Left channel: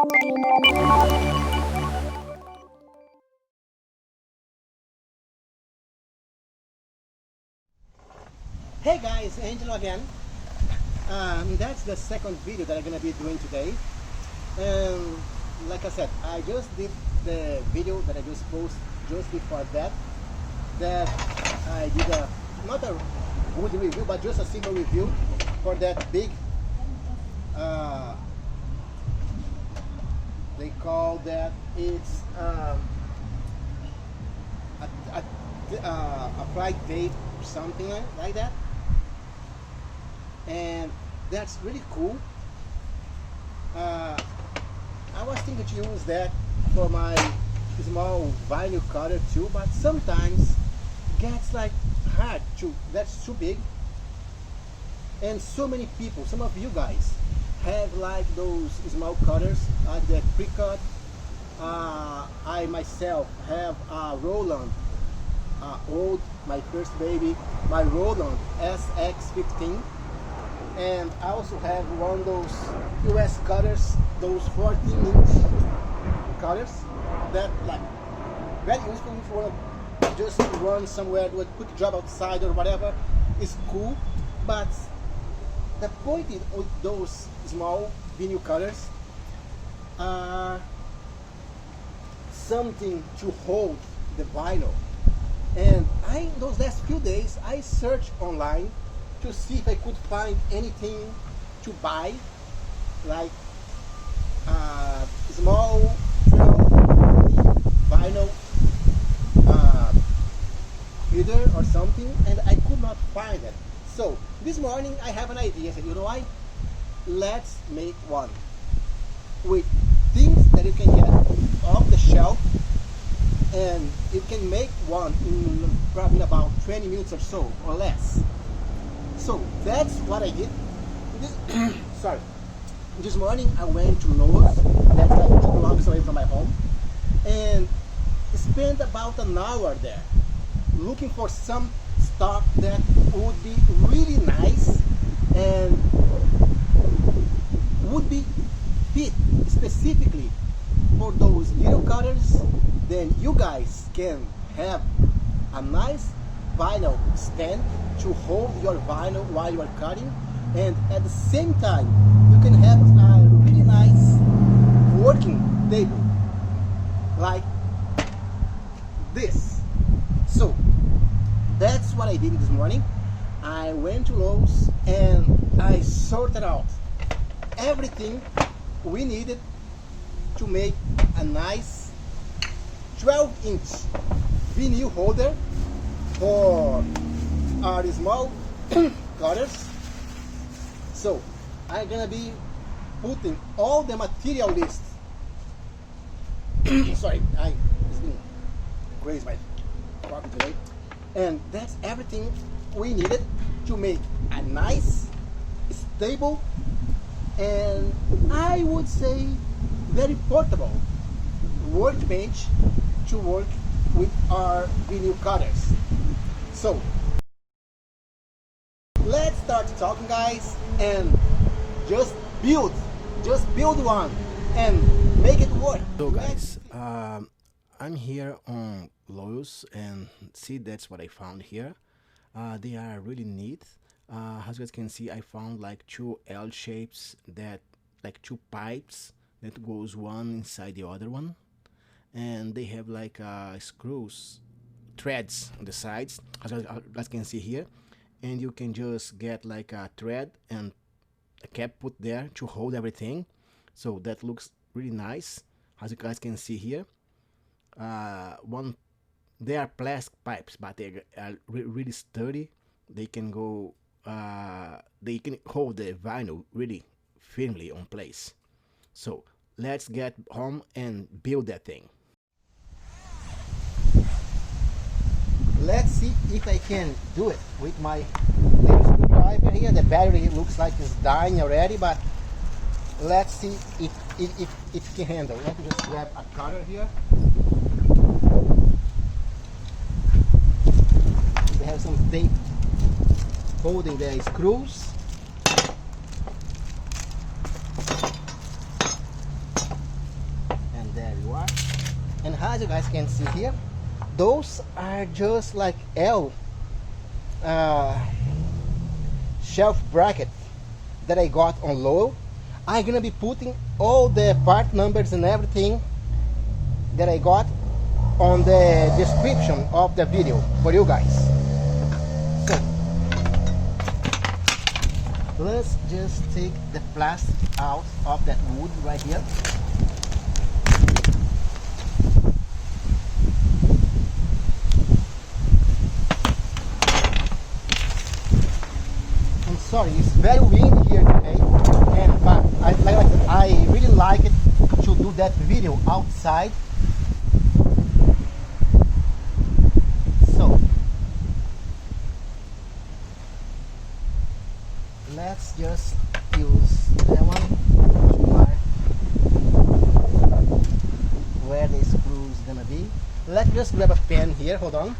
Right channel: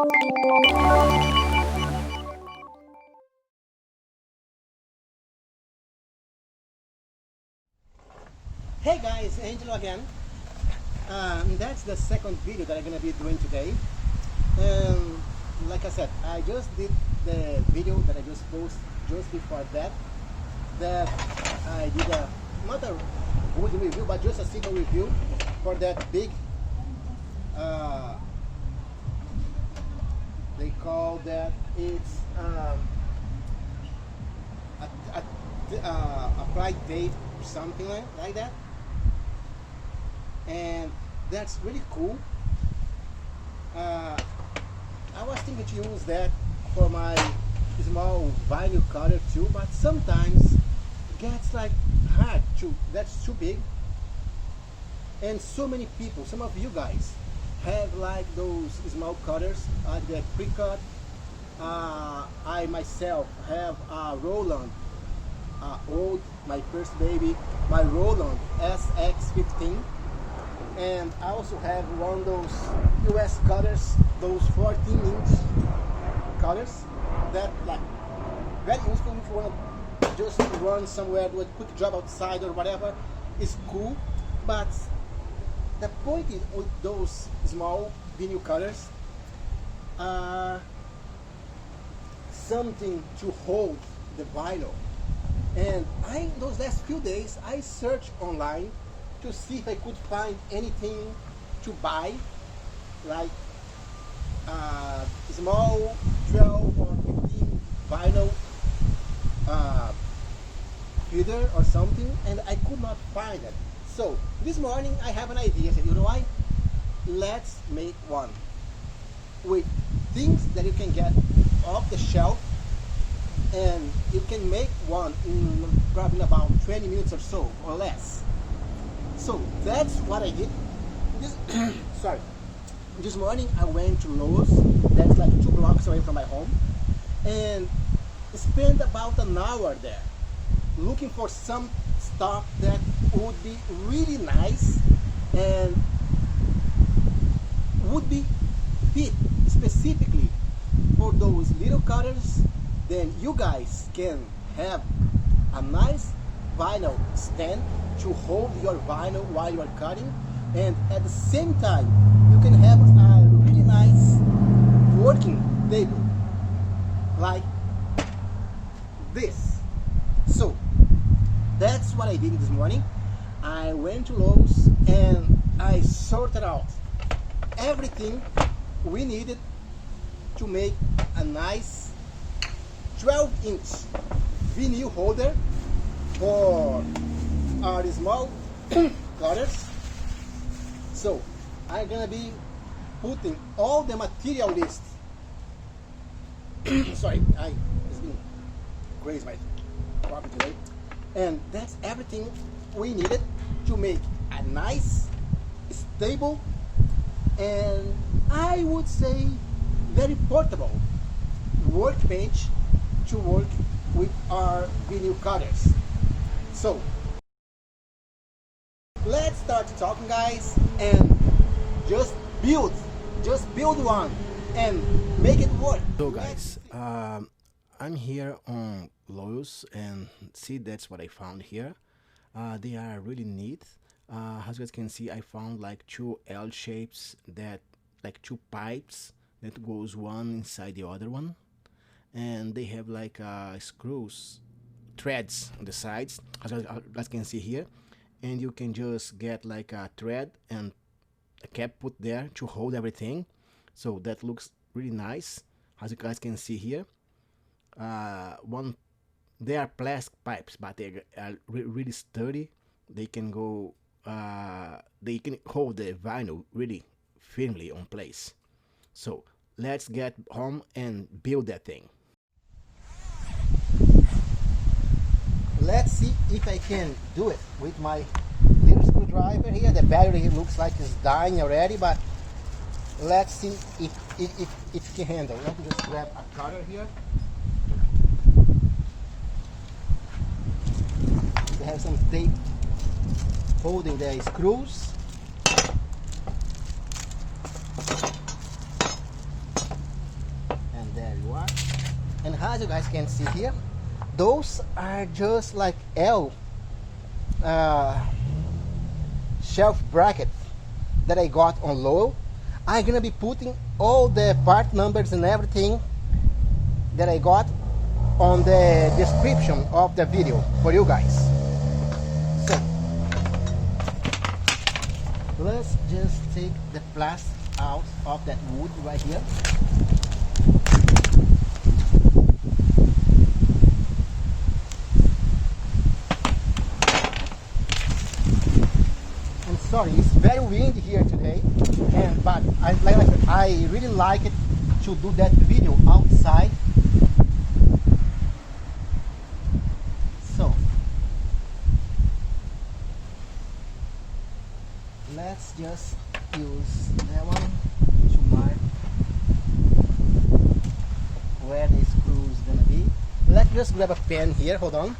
Hey guys, Angelo again. That's the second video that I'm gonna be doing today. Like I said, I just did the video that I just posted just before that. I did not a good review, but just a simple review for that big. They call that it's applied tape, something like that. And that's really cool. I was thinking to use that for my small vinyl cutter too, but sometimes it gets like hard to, that's too big. And so many people, some of you guys have like those small cutters, the Cricut. I myself have a Roland, my first baby, my Roland SX15. And I also have one of those US cutters, those 14-inch cutters that like very useful if you want to just run somewhere, do a quick job outside or whatever. It's cool, but the point is with those small vinyl cutters are something to hold the vinyl. And those last few days I searched online to see if I could find anything to buy, like small 12 vinyl feeder or something, and I could not find it. So this morning I have an idea. I said, you know what? Let's make one with things that you can get off the shelf, and you can make one in probably about 20 minutes or so or less. So that's what I did. This morning I went to Lowe's, that's like 2 blocks away from my home, and spent about an hour there looking for some stuff that would be really nice and would be fit specifically for those little cutters. Then you guys can have a nice vinyl stand to hold your vinyl while you are cutting, and at the same time you can have a really nice working table like this. So that's what I did this morning. I went to Lowe's and I sorted out everything we needed to make a nice 12-inch vinyl holder for our small cutters. So I'm gonna be putting all the material list. Sorry, it's been crazy my coffee today. And that's everything we needed to make a nice, stable, and I would say very portable workbench to work with our vinyl cutters. So let's start talking, guys, and just build one and make it work. So guys, I'm here on Lowe's, and see, that's what I found here. They are really neat. As you guys can see, I found like 2 L shapes, that like 2 pipes that goes one inside the other one, and they have like screws, threads on the sides, as you guys can see here, and you can just get like a thread and a cap put there to hold everything. So that looks really nice, as you guys can see here. They are plastic pipes, but they are really sturdy. They can go, they can hold the vinyl really firmly on place. So let's get home and build that thing. Let's see if I can do it with my little screwdriver here. The battery looks like it's dying already, but let's see if it can handle. Let me just grab a cutter here. We have some tape holding the screws. There you are. And as you guys can see here, those are just like L shelf brackets that I got on Lowe. I'm gonna be putting all the part numbers and everything that I got on the description of the video for you guys. So let's just take the plastic out of that wood right here. I'm sorry, it's very windy here today, but I really like it to do that video outside. So let's just use that one to mark where the screw is gonna be. Let's just grab a pen here, hold on.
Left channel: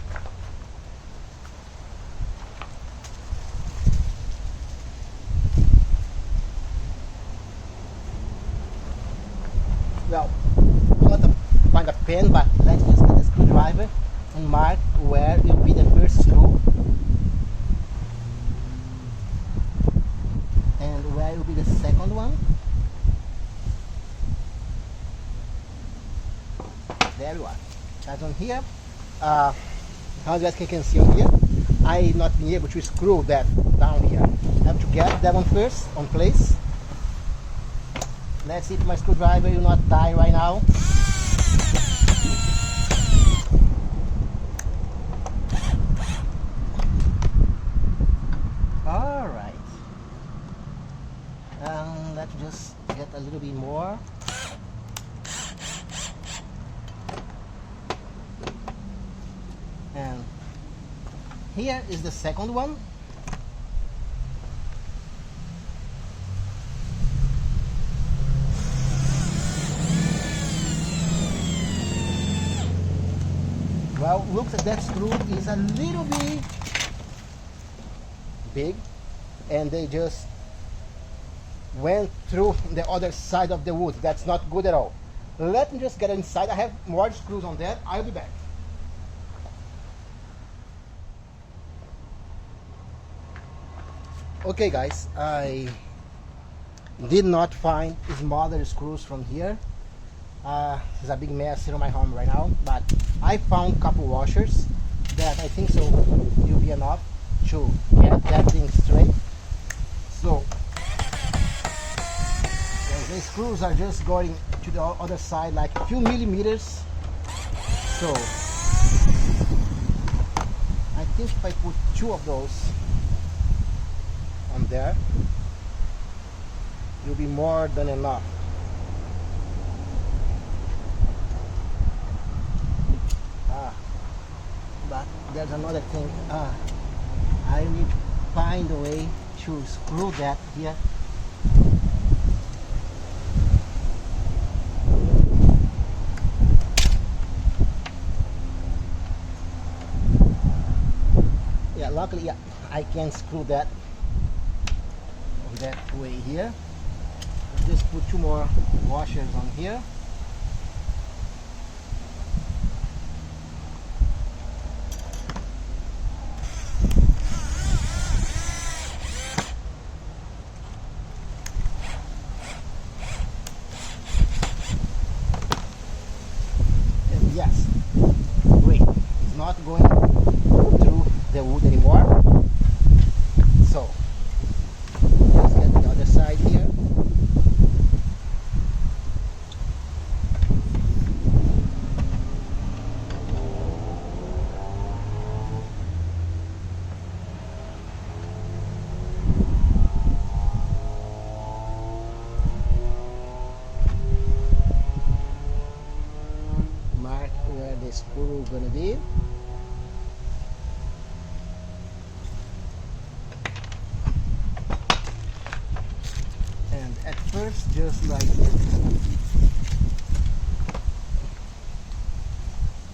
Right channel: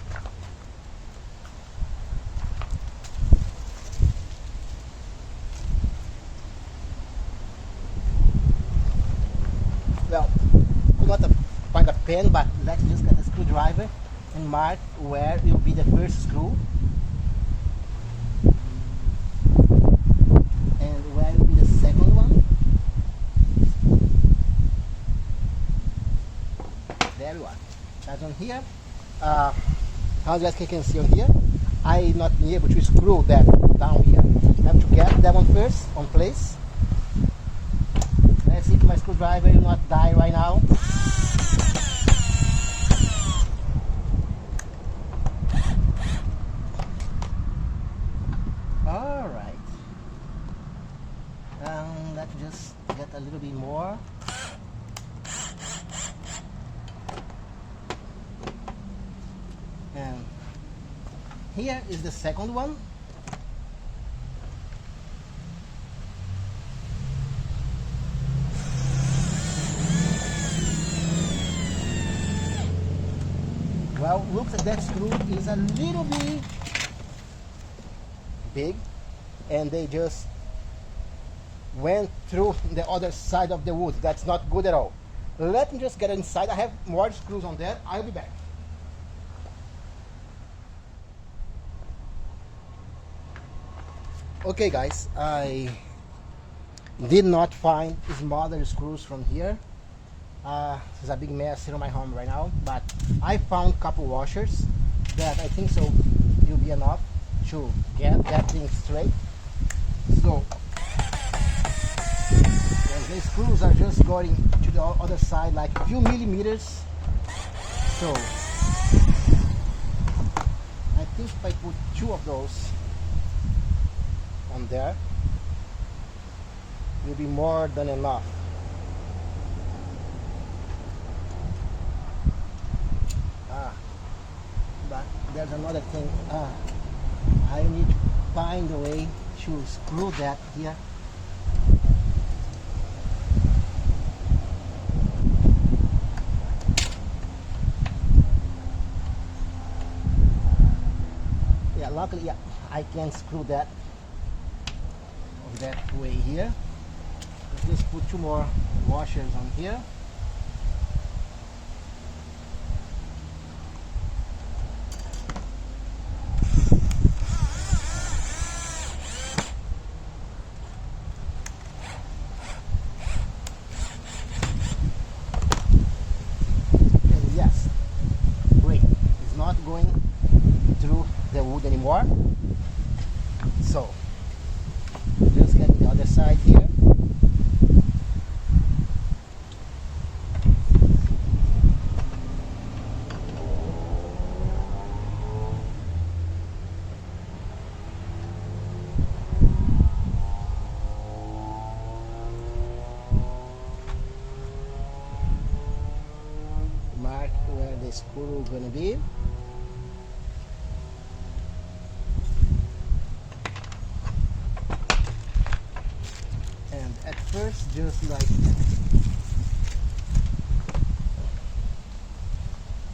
Well, not find a pen, but let's just get a screwdriver and mark where will be the first screw and where will be the second one. There you are. As on here, as you guys can see on here, I not been able to screw that down here. I have to get that one first on place. Let's see if my screwdriver will not die right now. Alright. Let's just get a little bit more. And here is the second one. Well, looks like that screw is a little bit big, and they just went through the other side of the wood. That's not good at all. Let me just get inside. I have more screws on there. I'll be back. Okay guys, I did not find smaller screws from here. There's a big mess here in my home right now, but I found a couple washers that I think so will be enough to get that thing straight. So the screws are just going to the other side like a few millimeters. So I think if I put two of those on there, it will be more than enough. But there's another thing. I need to find a way to screw that here. Yeah, luckily, yeah, I can screw that on that way here. Just put two more washers on here. Yes, great. It's not going through the wood anymore. So let's get the other side here. Mark where the screw gonna be. And at first, just like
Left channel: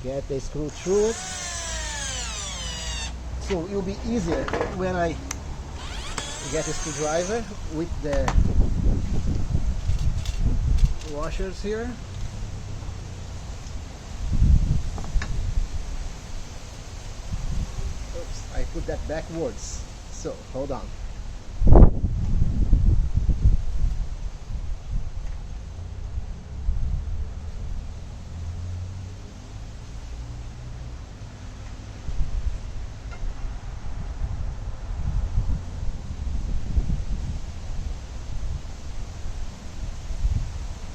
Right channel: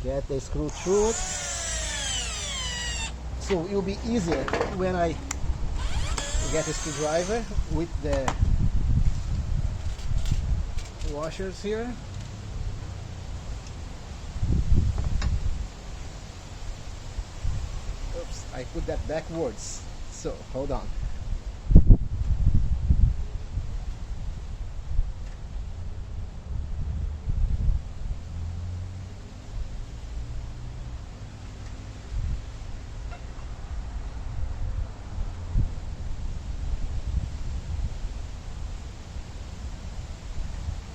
get the screw through it, so it will be easier when I get a screwdriver with the washers here. I put that backwards. So hold on.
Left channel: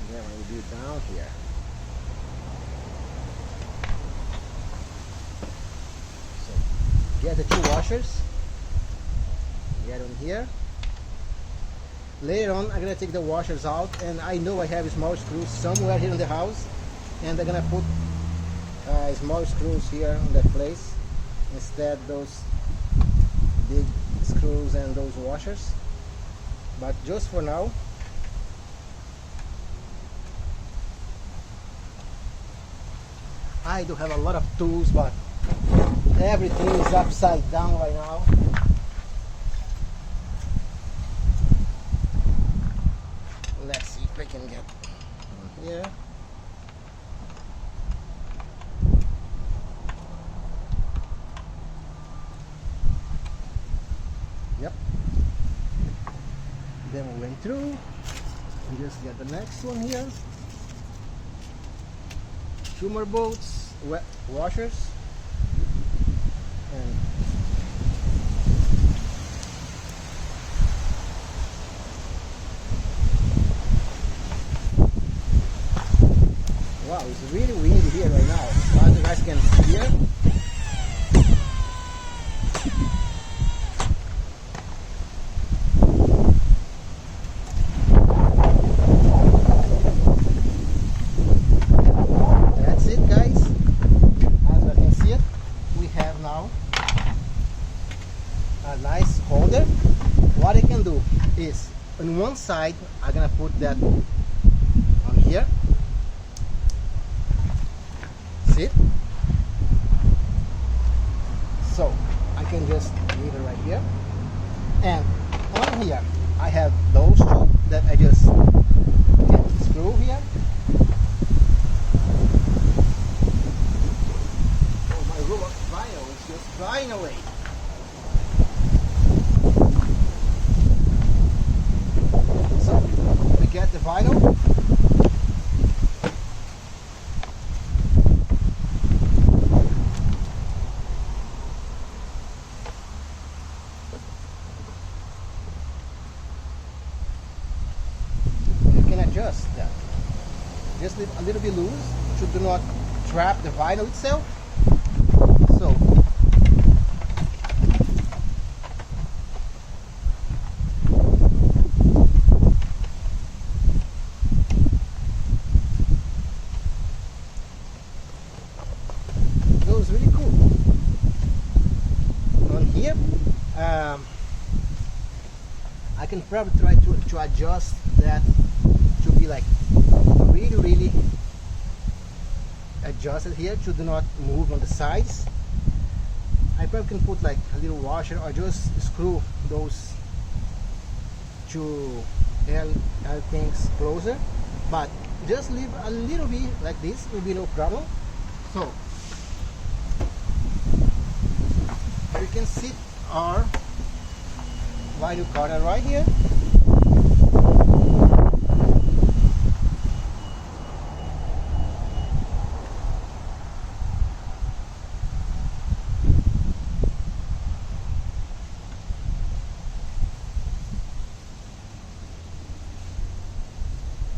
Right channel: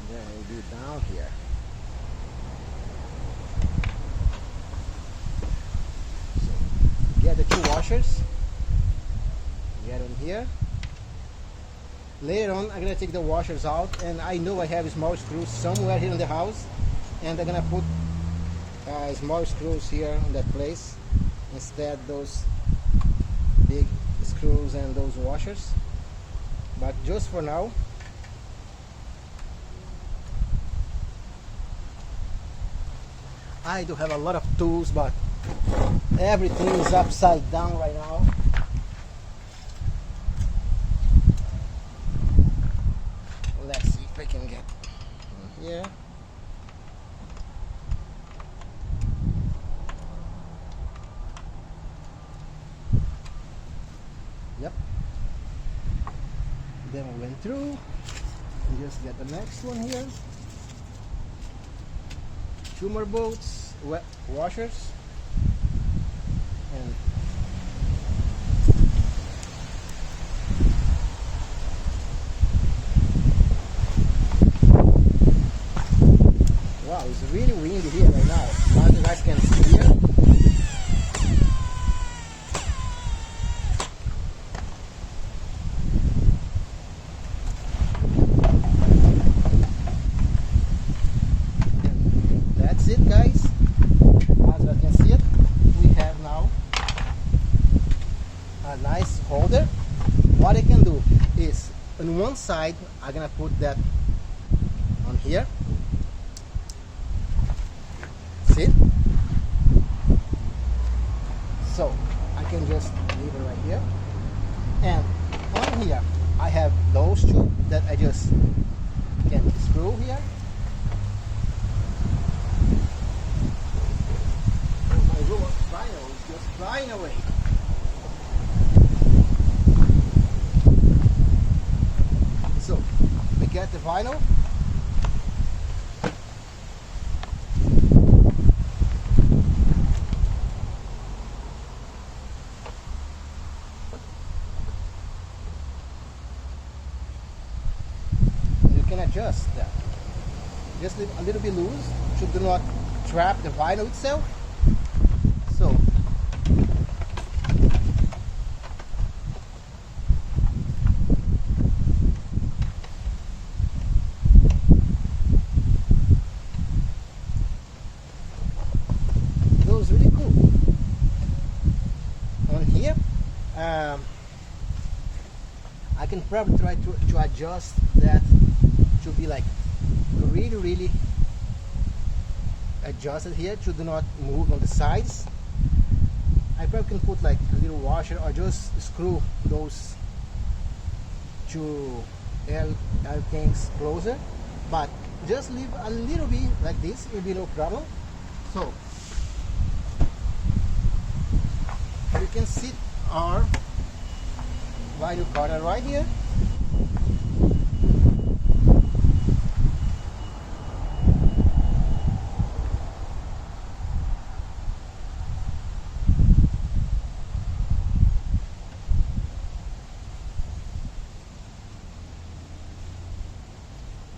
Then I will do down here. So get the two washers. Get them here. Later on, I'm gonna take the washers out, and I know I have small screws somewhere here in the house, and I'm gonna put small screws here in that place instead those big screws and those washers. But just for now, I do have a lot of tools, but everything is upside down right now. Let's see if I can get here. Yep. Then we went through and just get the next one here. Two more bolts, washers, and wow, it's really windy here right now. Like you guys can see it. That's it, guys. As you can see it, we have now a nice holder. What I can do is on one side, I'm gonna put that on here. See? So I can just leave it right here, and on here I have those two that I just get the screw here. Oh, my robot vinyl is just flying away. So we get the vinyl. Adjust that. Just leave a little bit loose to do not trap the vinyl itself. So those really cool. On here, I can probably try to adjust that to be like really adjusted here to do not move on the sides. I probably can put like a little washer or just screw those two L things closer, but just leave a little bit like this, will be no problem. So you can see our vinyl cutter right here.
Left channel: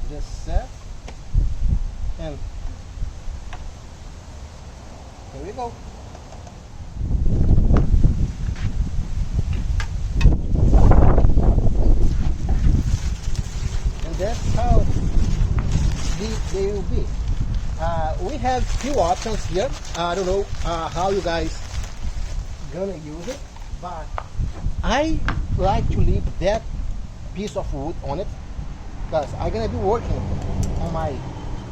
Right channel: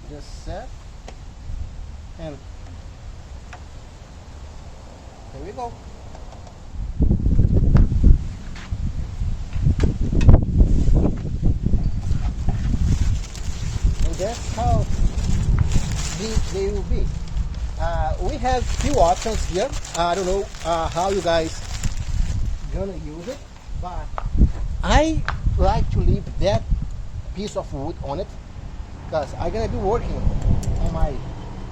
Just set, and here we go. And that's how they will be. We have few options here. I don't know how you guys gonna use it, but I like to leave that piece of wood on it, because I'm gonna be working on my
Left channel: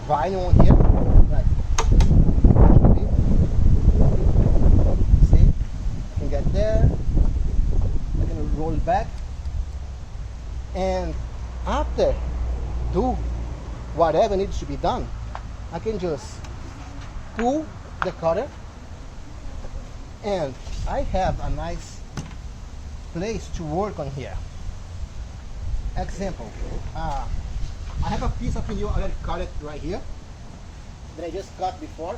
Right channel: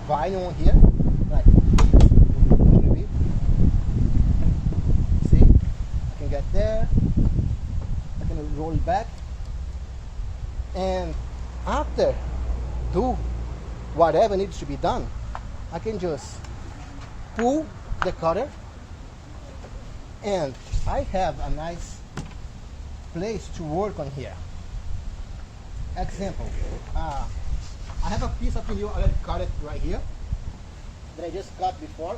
vinyl here. Right. See? I can get there. I can roll back. And after do whatever needs to be done, I can just pull the cutter And I have a nice place to work on here. Example, I have a piece of vinyl already cut it right here that I just cut before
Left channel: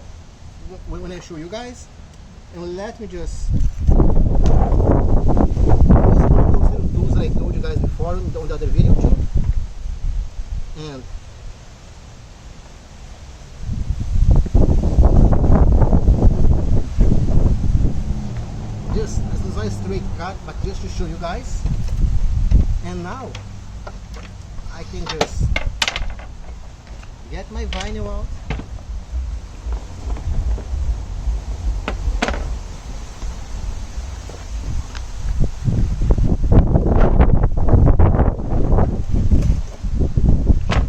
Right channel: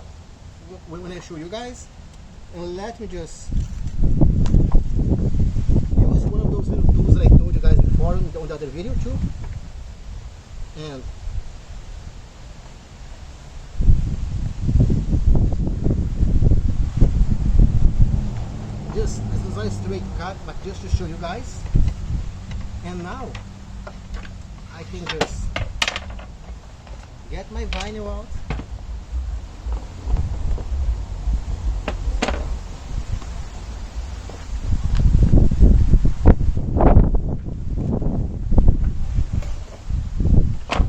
when I show you guys. And let me just use one of those little tools that I told you guys before on the other video too. And just as a straight cut, but just to show you guys. And now I can just get my vinyl out.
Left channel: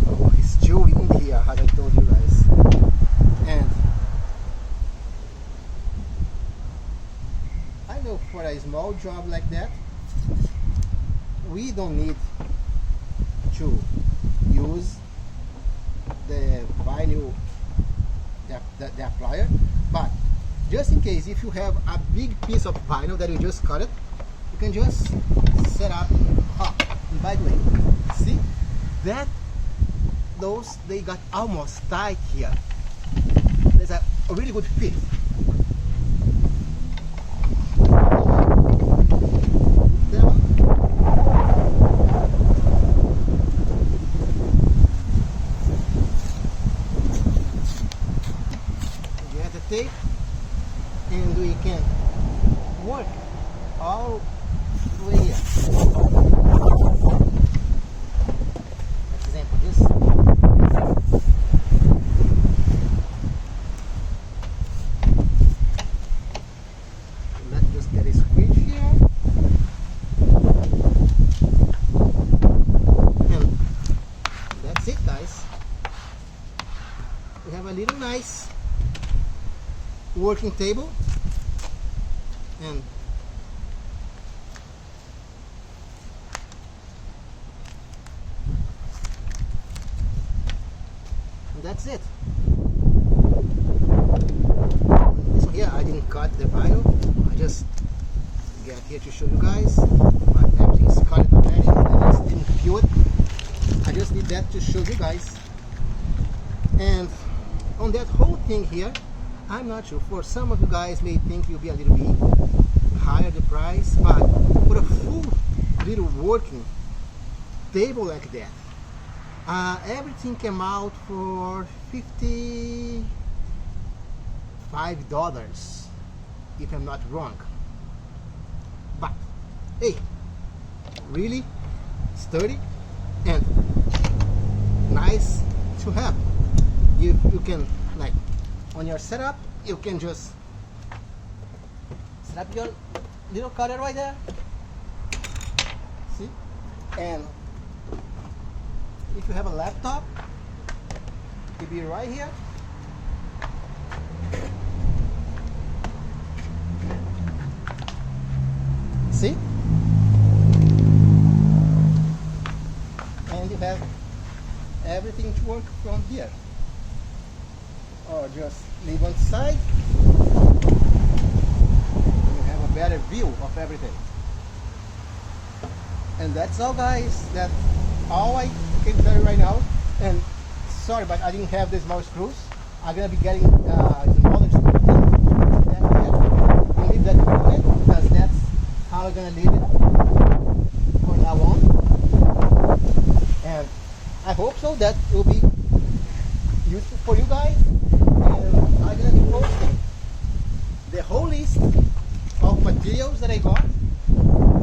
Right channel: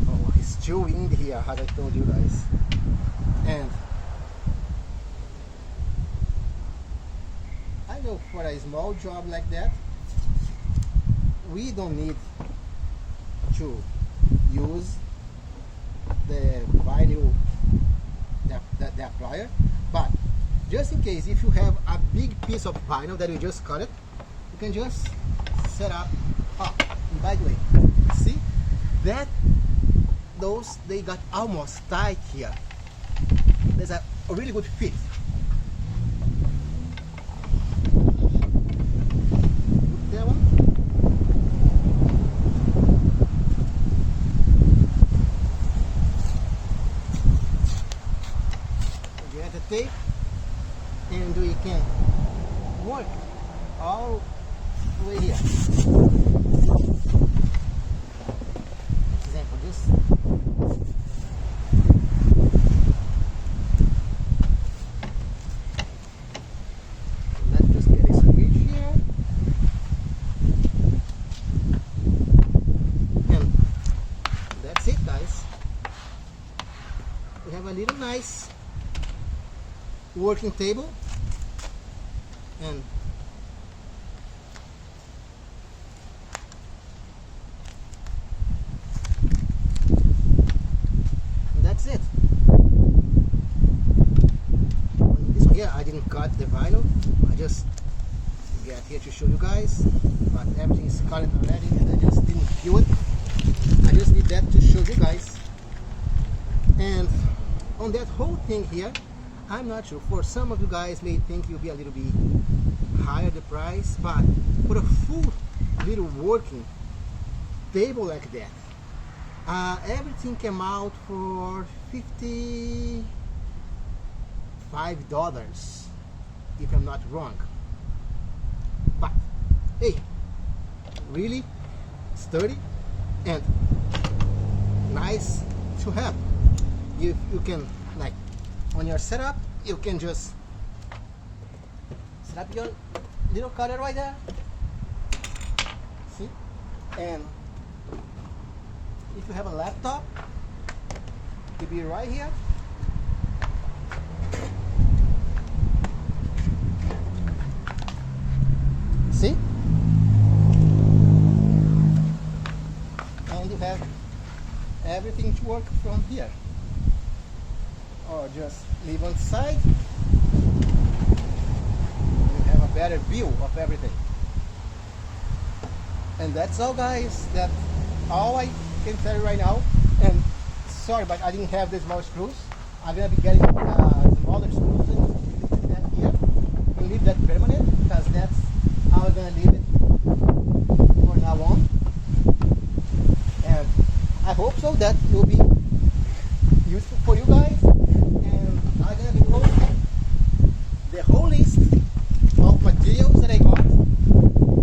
Oh, it's still windy here, as I told you guys. And I know for a small job like that, we don't need to use the vinyl, the applier, but just in case, if you have a big piece of vinyl that you just cut it, you can just set up. Oh, and by the way, see that those, they got almost tight here. There's a really good fit. Get the tape, and we can work all the way here. Example, just let's just get a squeeze here, and that's it, guys. We have a little nice working table, and that's it. This one here, I didn't cut the vinyl. I just get here to show you guys, but everything is cut already, and I just didn't peel it. I just did that to show you guys. And on that whole thing here, I'm not sure, for some of you guys may think you'll be a little bit higher the price, but for a full little working table like that, everything came out for $55, if I'm not wrong. But hey, really sturdy and nice to have. You can, like, on your setup, you can just set up your little cutter right there. See? And if you have a laptop, it could be right here. See? And you have everything to work from here. Or just leave on the side, and you have a better view of everything. And that's all, guys. That's all I can tell you right now. And sorry, but I didn't have the small screws. I'm gonna be getting smaller screws in that here. We'll leave that permanent because that's how I'm gonna leave it for now on. And I hope so that it will be useful for you guys. I'm going to be posting the whole list of materials that I got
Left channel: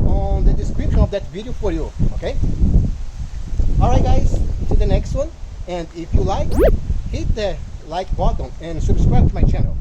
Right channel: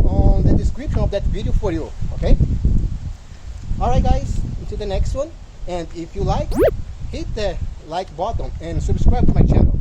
on the description of that video for you, okay? Alright guys, until the next one, and if you like, hit the like button and subscribe to my channel.